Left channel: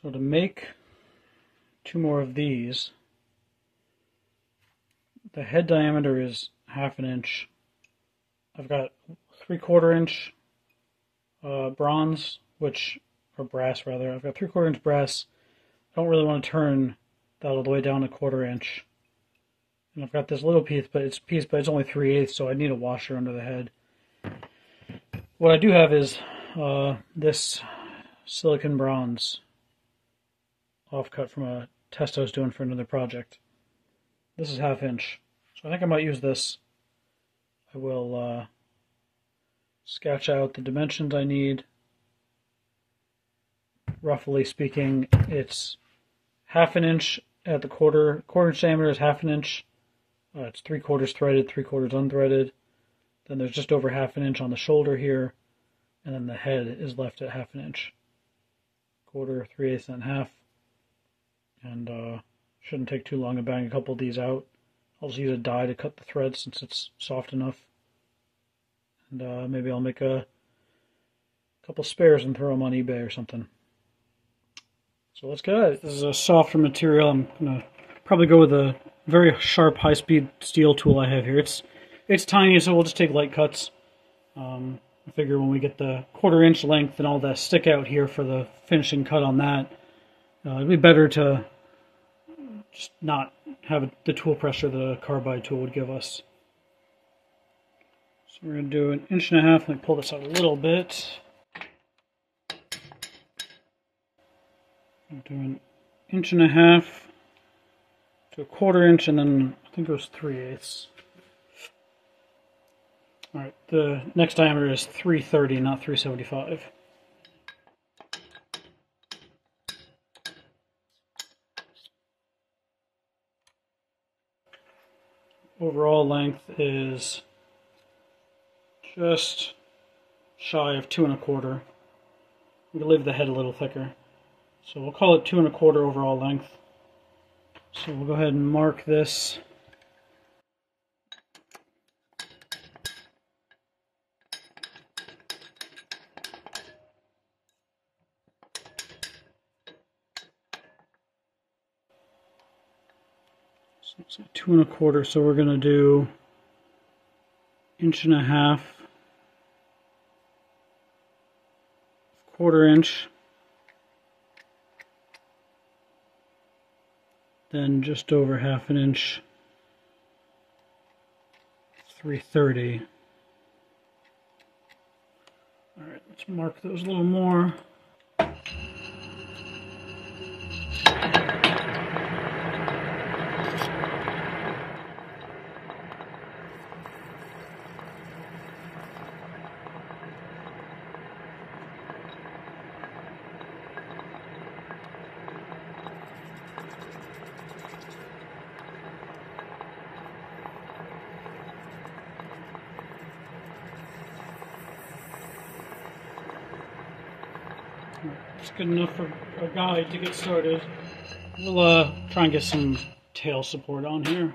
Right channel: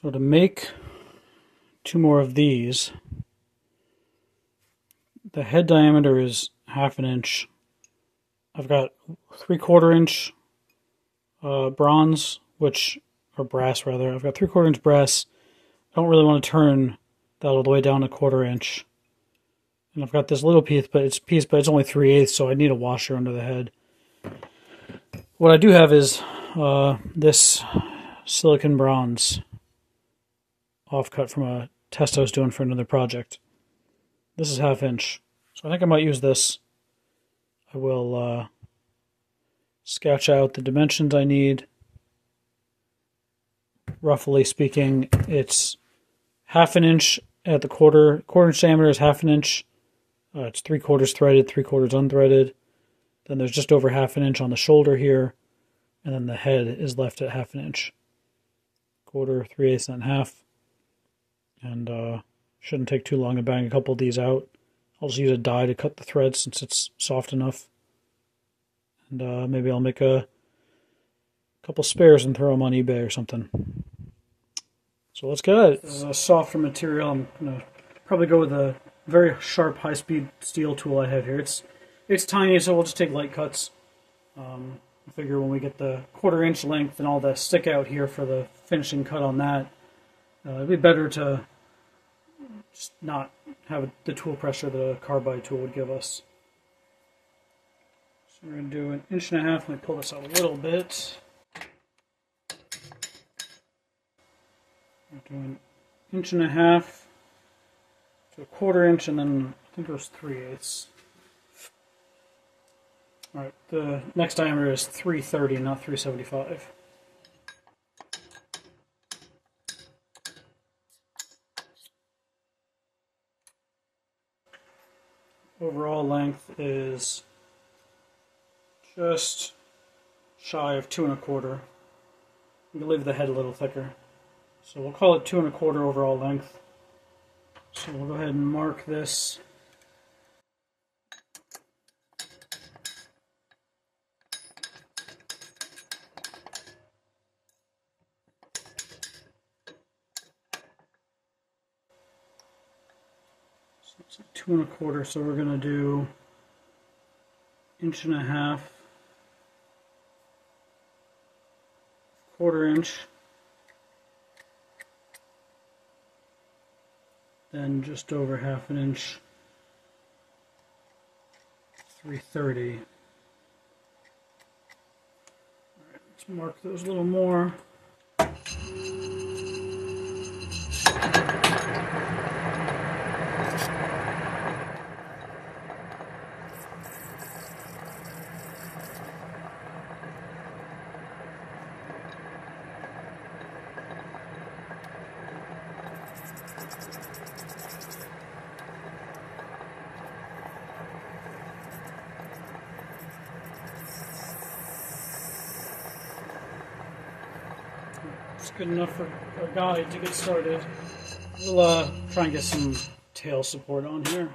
So to make two more of these, the head diameter is 1/2 inch. I've got 3/4 inch bronze, or brass rather. I've got 3/4 inch brass. I don't really want to turn that all the way down 1/4 inch. And I've got this little piece, but it's only 3/8, so I need a washer under the head. What I do have is this silicon bronze offcut from a test I was doing for another project. This is 1/2 inch, so I think I might use this. I will sketch out the dimensions I need. Roughly speaking, it's 1/2 inch at the quarter inch diameter is 1/2 inch. It's 3/4 threaded, 3/4 unthreaded. Then there's just over 1/2 inch on the shoulder here, and then the head is left at 1/2 inch. Quarter, 3/8, and 1/2. And shouldn't take too long to bang a couple of these out. I'll just use a die to cut the thread since it's soft enough. And maybe I'll make a couple spares and throw them on eBay or something. So let's get at it. This is a softer material. I'm going to probably go with a very sharp, high-speed steel tool I have here. It's tiny, so we'll just take light cuts. I figure when we get the 1/4 inch length and all the stick out here for the finishing cut on that, it'd be better to just not have the tool pressure that a carbide tool would give us. So we're going to do 1.5 inches. Let me pull this out a little bit. I'm doing 1.5 inches to 1/4 inch, and then I think it was 3/8. Alright, the next diameter is 330, not 375. Overall length is just shy of 2 1/4. We'll leave the head a little thicker. So we'll call it 2 1/4 overall length. So we'll go ahead and mark this. So it's 2 1/4, so we're going to do 1.5 inches, 1/4 inch, then just over 1/2 inch, 330. Alright, let's mark those a little more. It's good enough for a guide to get started. We'll try and get some tail support on here.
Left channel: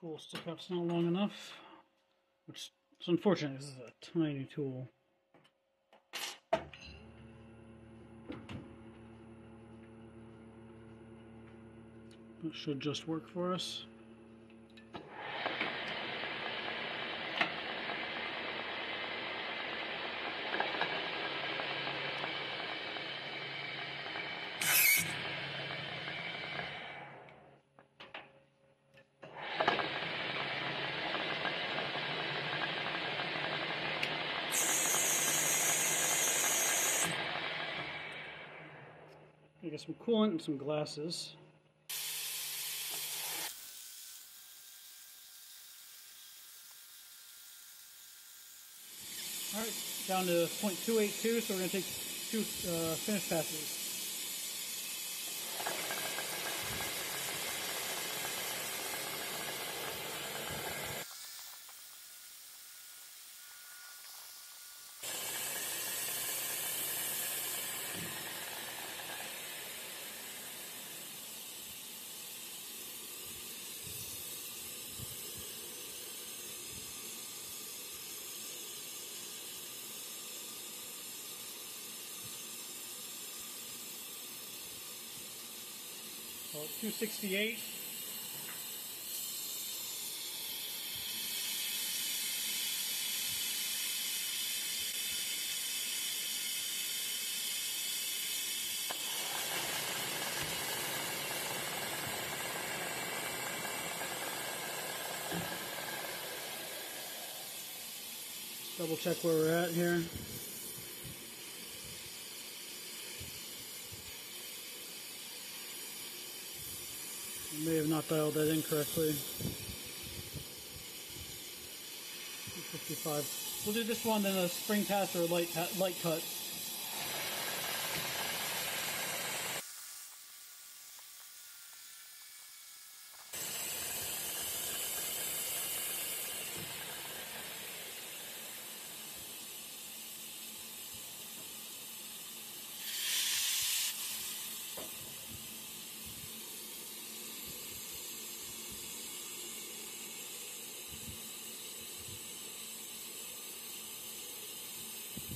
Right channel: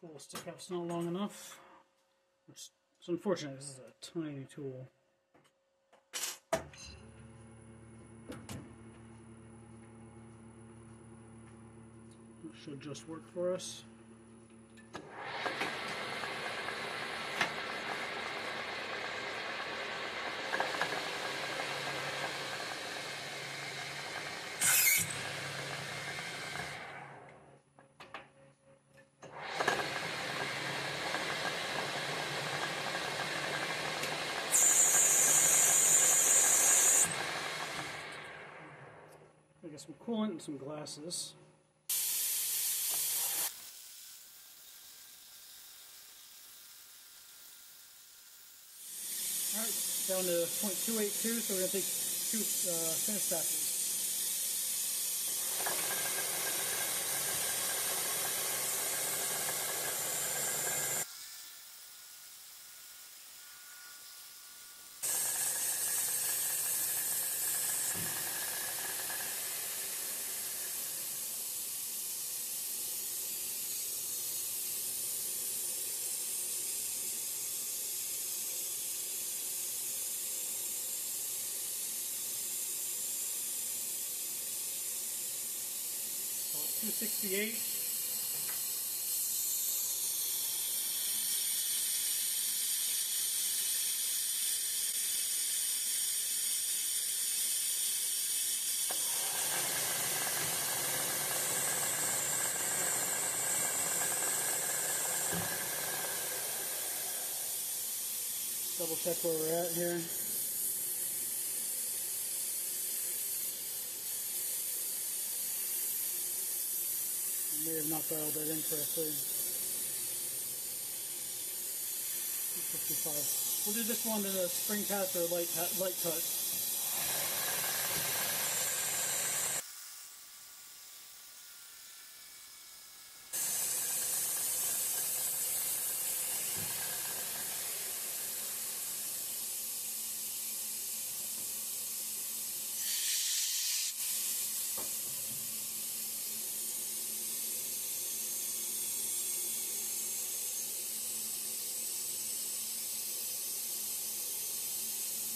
Tool stick out's not long enough, which is unfortunate. This is a tiny tool. It should just work for us. Get some coolant and some glasses. Alright, down to 0.282, so we're going to take 2 finish passes. 268. Double check where we're at here. I may have not dialed that in correctly. 255. We'll do this one in a spring pass or a light cut.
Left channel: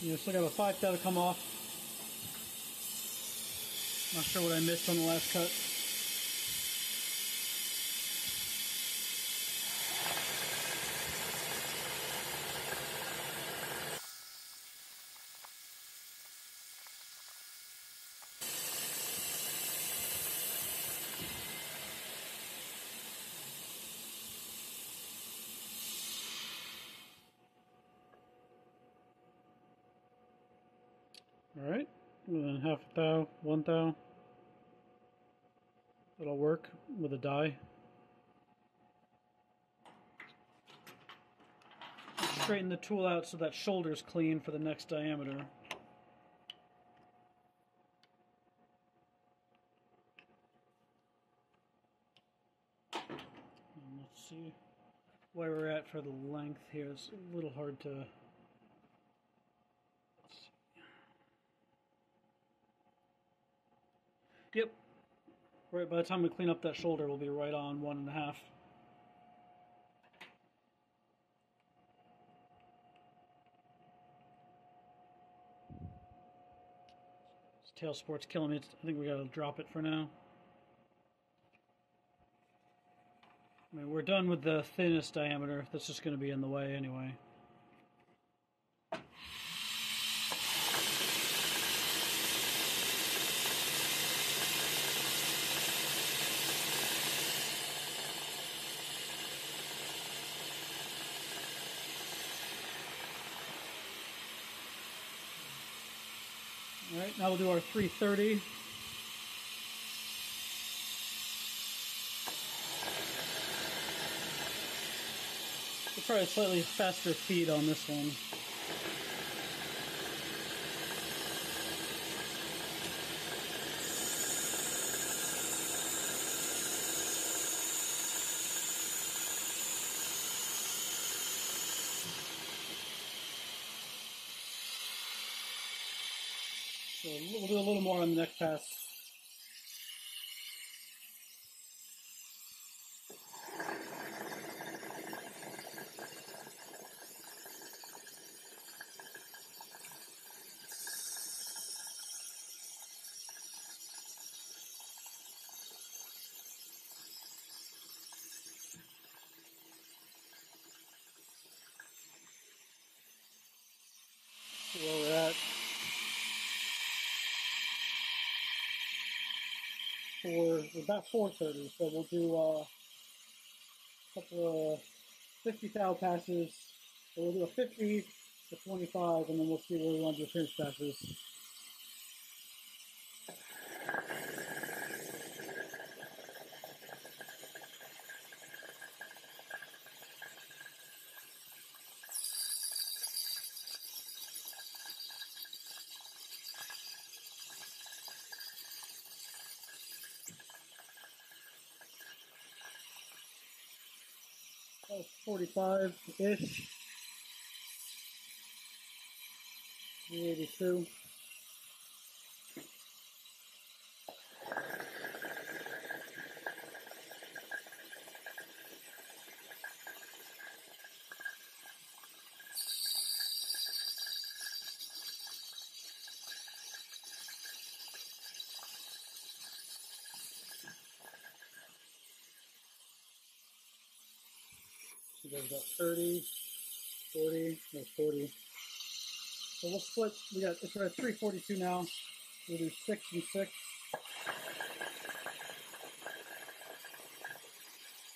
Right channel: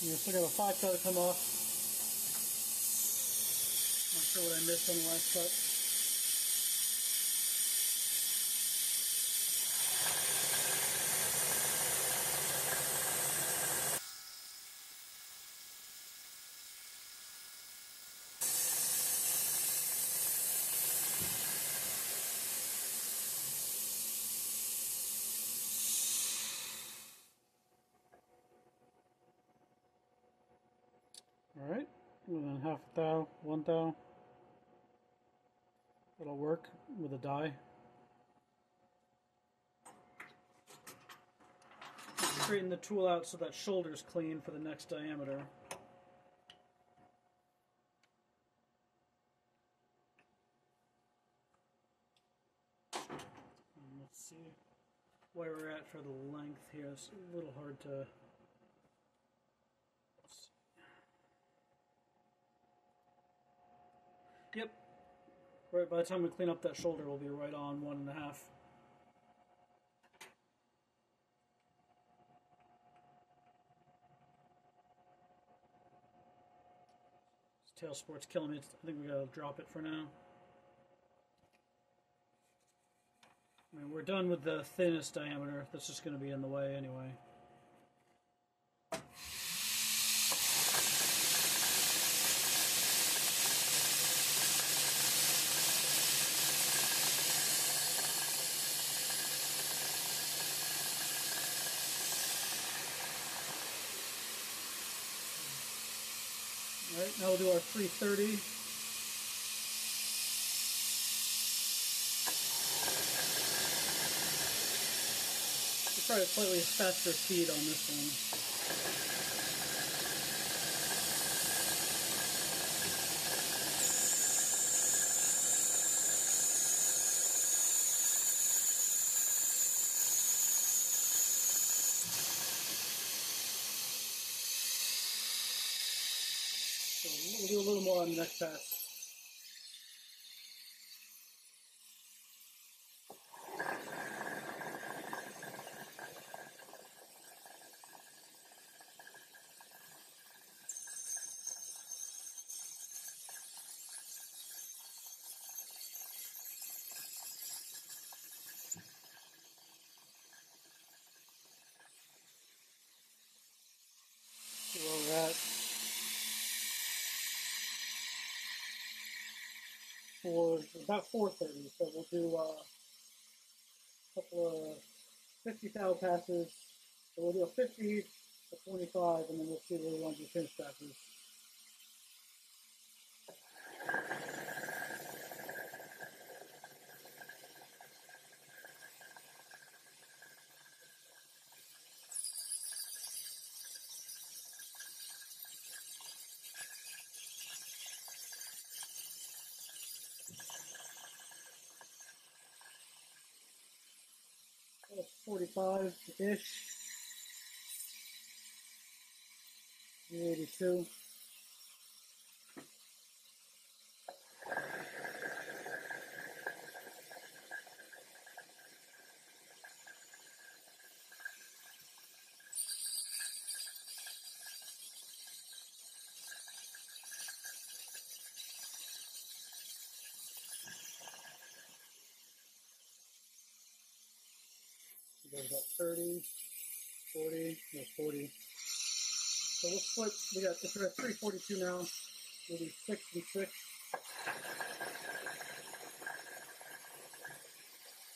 I still got a 5 to come off. Not sure what I missed on the last cut. Alright, and then half a thou, 1 thou. That'll work with a die. Straighten the tool out so that shoulder's clean for the next diameter. And let's see where we're at for the length here. It's a little hard to... Yep. Right, by the time we clean up that shoulder, we'll be right on 1.5. This tail sport's killing me. I think we gotta drop it for now. I mean, we're done with the thinnest diameter. That's just gonna be in the way anyway. Alright, now we'll do our 330. We'll try a slightly faster speed on this one. So we'll do a little more on the next pass. So where we're at. For about 430, so we'll do a couple of 50 thou passes. So we'll do a 50 to 25, and then we'll see where we want to do pinch passes. That's 45-ish. 382. There's about 30, 40, no 40. So we'll split, it's at 342 now. We'll do 6 and 6.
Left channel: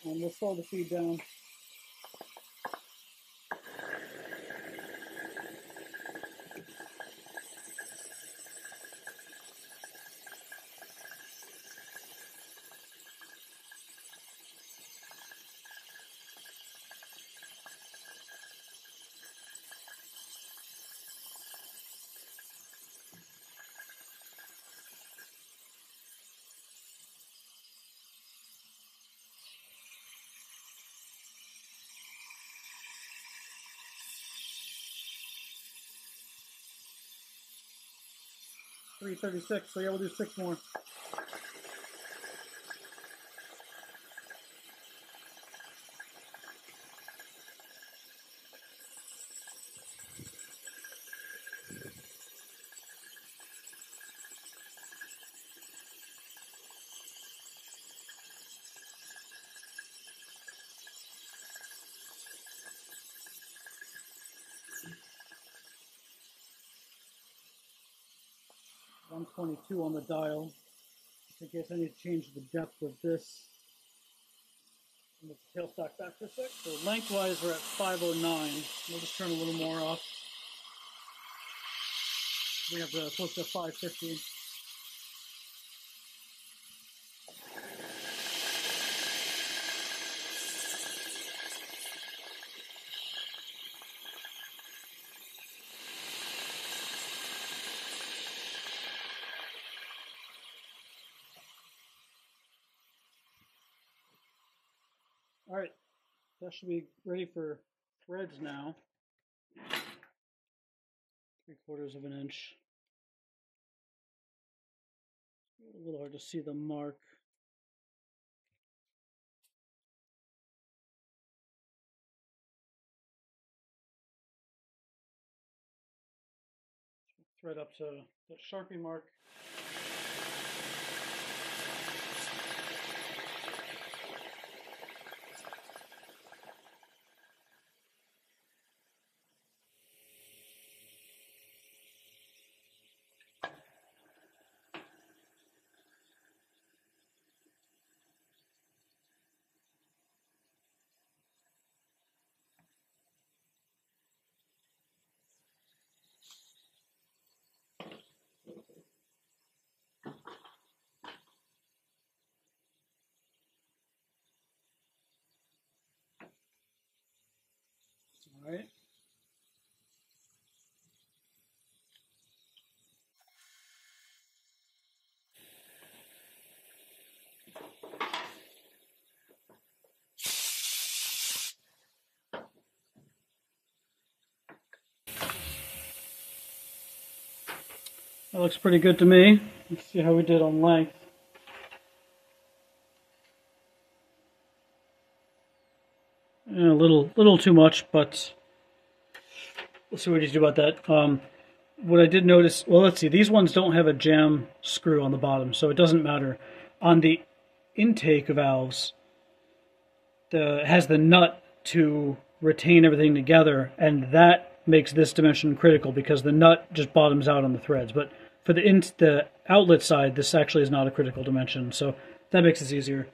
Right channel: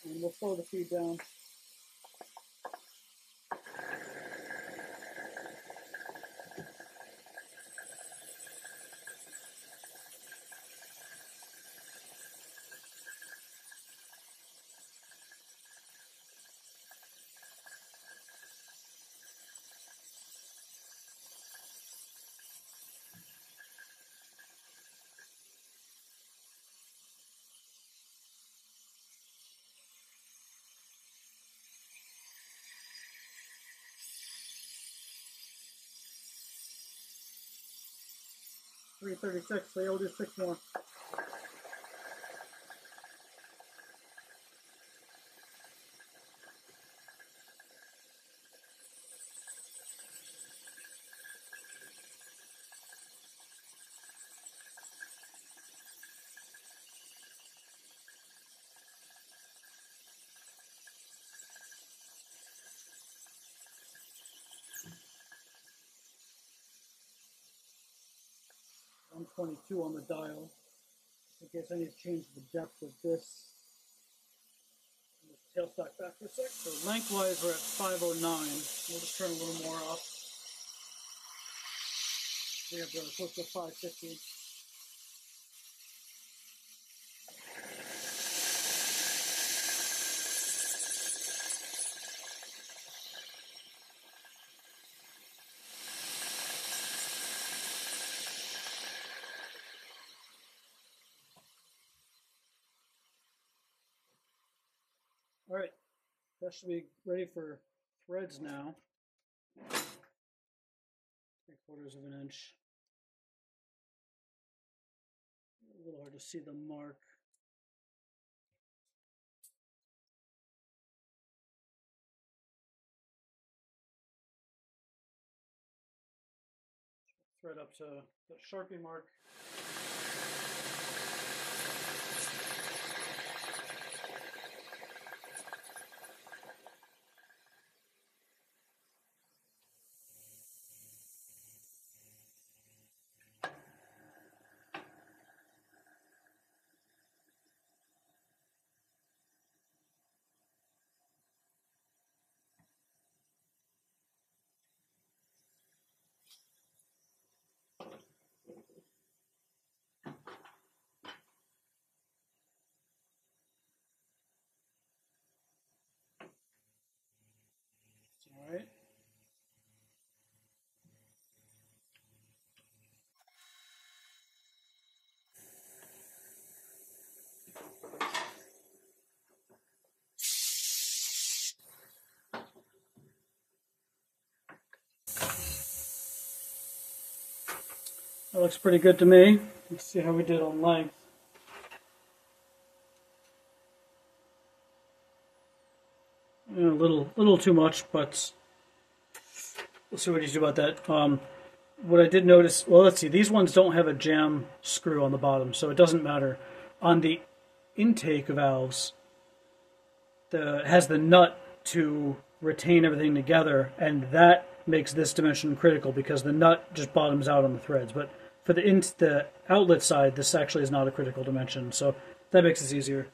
And we'll slow the feed down. $336, so yeah, we'll do 6 more. $122 on the dial. I guess I need to change the depth of this. Move the tailstock back for a sec. So lengthwise we're at 509. We'll just turn a little more off. We have close to 550. All right, that should be ready for threads now. 3/4 of an inch. A little hard to see the mark. Thread up to the Sharpie mark. All right. That looks pretty good to me. Let's see how we did on length. A little too much, but we'll see what he's do about that. What I did notice, well, let's see, these ones don't have a jam screw on the bottom, so it doesn't matter. On the intake valves, it has the nut to retain everything together, and that makes this dimension critical because the nut just bottoms out on the threads. But for the outlet side, this actually is not a critical dimension, so that makes this easier.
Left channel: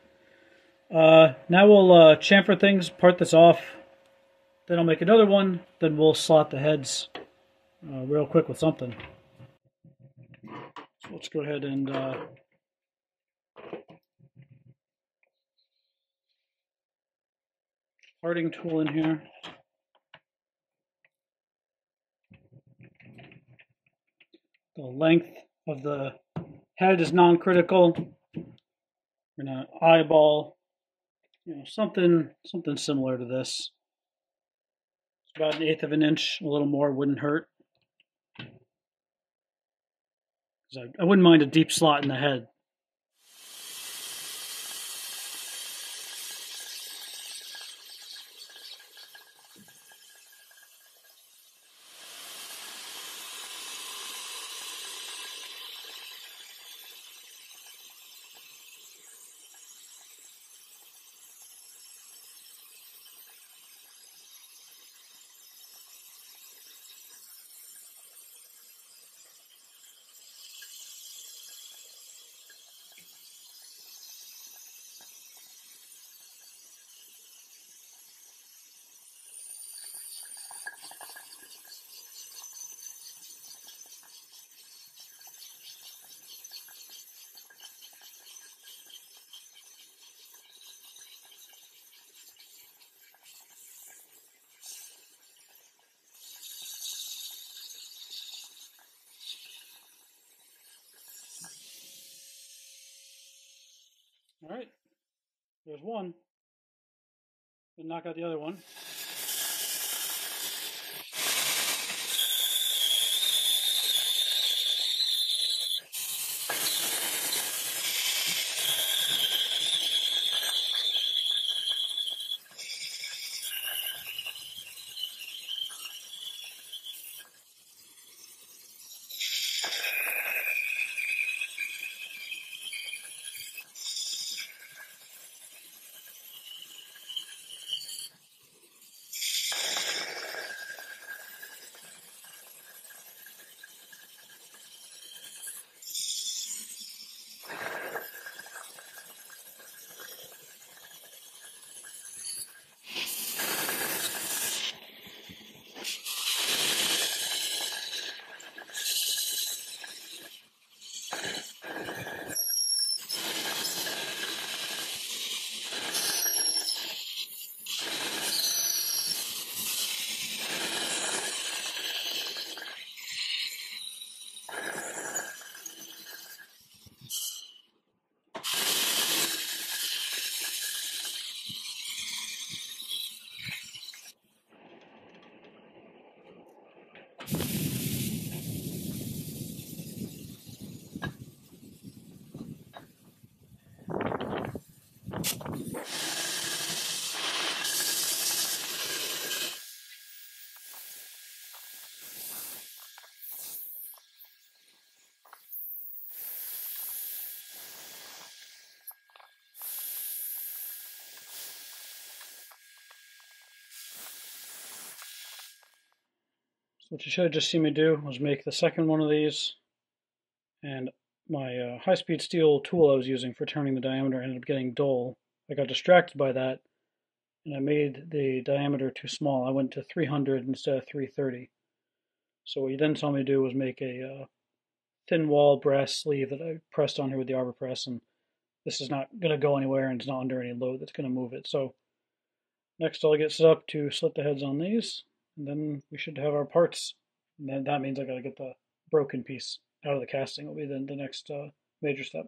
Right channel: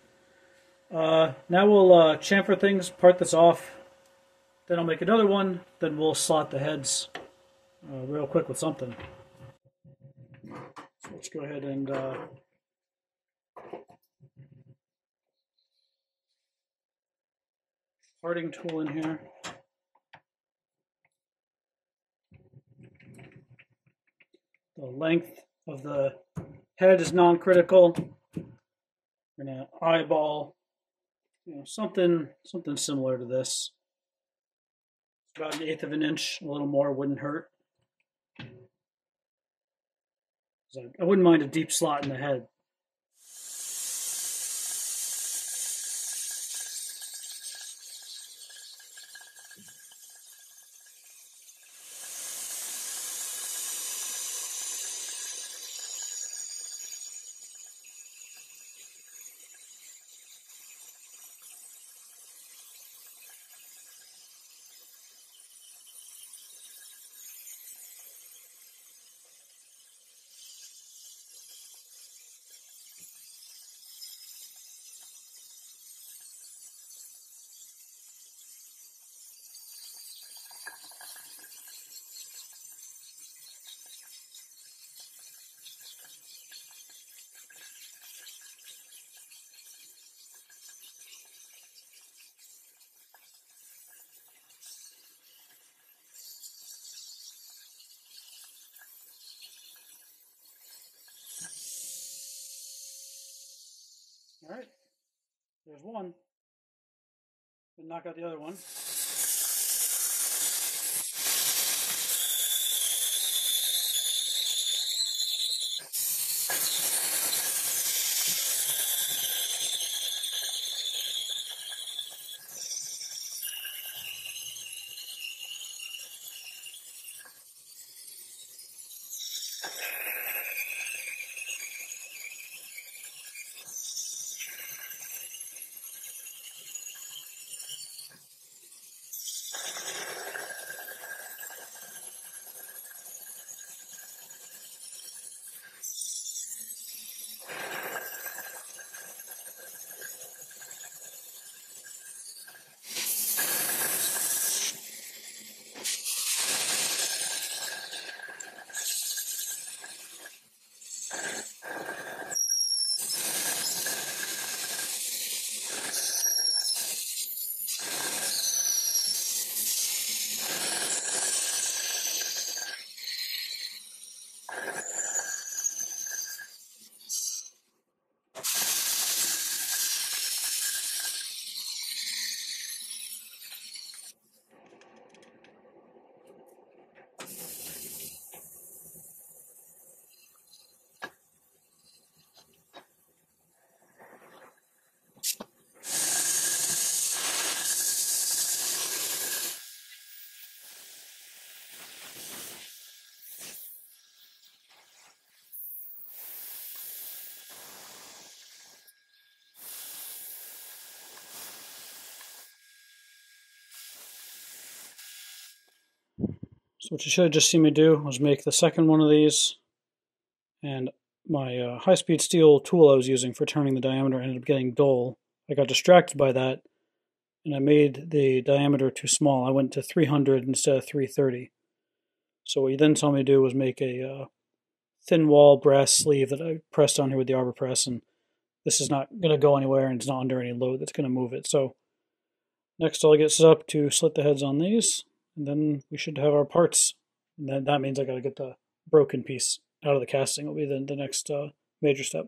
Now we'll chamfer things, part this off, then I'll make another one, then we'll slot the heads real quick with something. So let's go ahead and parting tool in here. The length of the head is non-critical. We're gonna eyeball, something similar to this. It's about 1/8 of an inch, a little more wouldn't hurt. I wouldn't mind a deep slot in the head. All right, there's one. Gonna knock out the other one. So what you should have just seen me do was make the second one of these, and my high-speed steel tool I was using for turning the diameter ended up getting dull. I got distracted by that, and I made the diameter too small. I went to 300 instead of 330. So what you then saw me do was make a thin wall brass sleeve that I pressed on here with the arbor press, and this is not going to go anywhere, and it's not under any load that's going to move it. So next I'll get set up to slit the heads on these, and then we should have our parts. And then that means I got to get the broken piece out of the casting. Will be the next major step.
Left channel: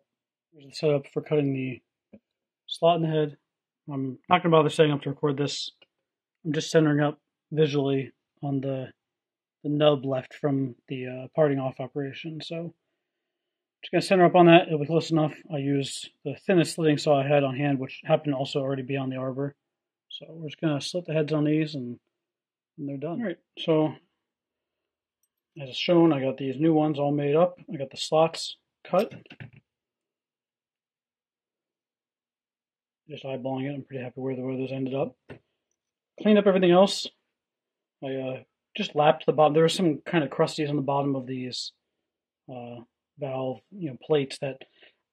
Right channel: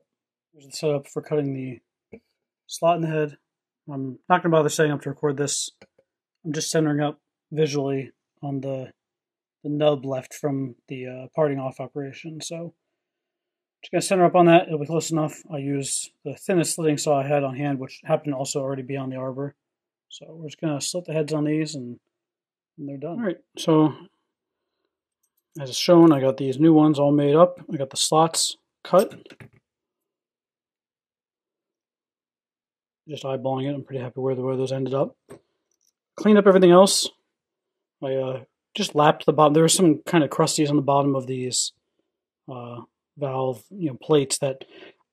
Here's the setup for cutting the slot in the head. I'm not going to bother setting up to record this. I'm just centering up visually on the nub left from the parting off operation. So just going to center up on that. It'll be close enough. I used the thinnest slitting saw I had on hand, which happened to also already be on the arbor. So we're just going to slit the heads on these, and they're done. All right, so as shown, I got these new ones all made up. I got the slots cut. Just eyeballing it. I'm pretty happy where those ended up. Cleaned up everything else. I just lapped the bottom. There were some kind of crusties on the bottom of these valve plates that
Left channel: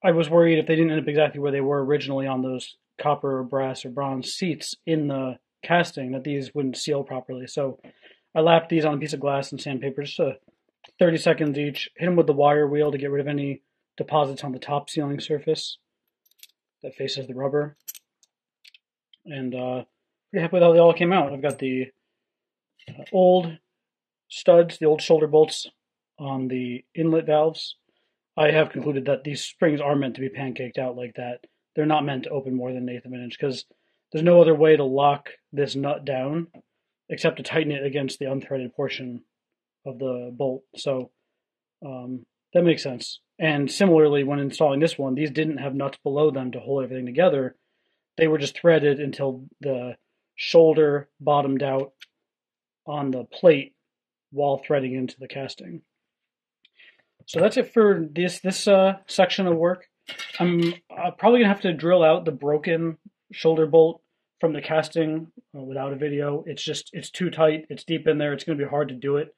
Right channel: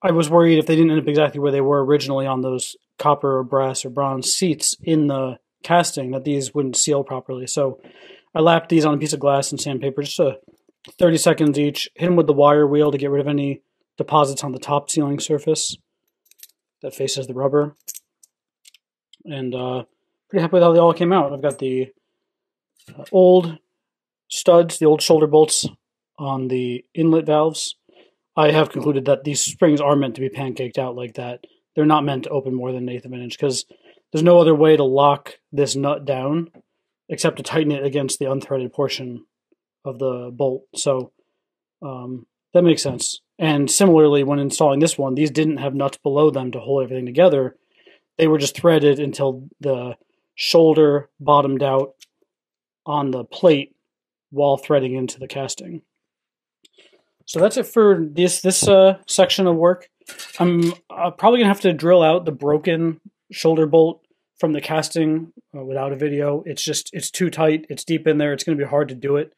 I was worried if they didn't end up exactly where they were originally on those copper or brass or bronze seats in the casting, that these wouldn't seal properly. So I lapped these on a piece of glass and sandpaper, just 30 seconds each. Hit them with the wire wheel to get rid of any deposits on the top sealing surface that faces the rubber. And pretty happy with how they all came out. I've got the old studs, the old shoulder bolts on the inlet valves. I have concluded that these springs are meant to be pancaked out like that. They're not meant to open more than 1/8 of an inch, because there's no other way to lock this nut down except to tighten it against the unthreaded portion of the bolt. So that makes sense. And similarly, when installing this one, these didn't have nuts below them to hold everything together. They were just threaded until the shoulder bottomed out on the plate while threading into the casting. So that's it for this section of work. I'm probably going to have to drill out the broken shoulder bolt from the casting without a video. It's too tight. It's deep in there. It's going to be hard to do it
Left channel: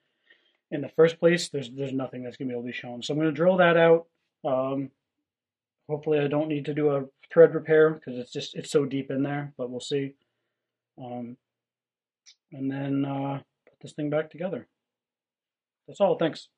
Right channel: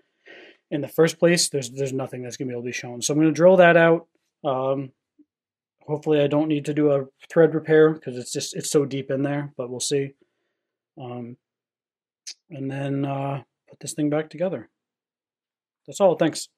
in the first place. There's nothing that's going to be able to be shown. So I'm going to drill that out. Hopefully I don't need to do a thread repair because it's so deep in there, but we'll see. And then put this thing back together. That's all. Thanks.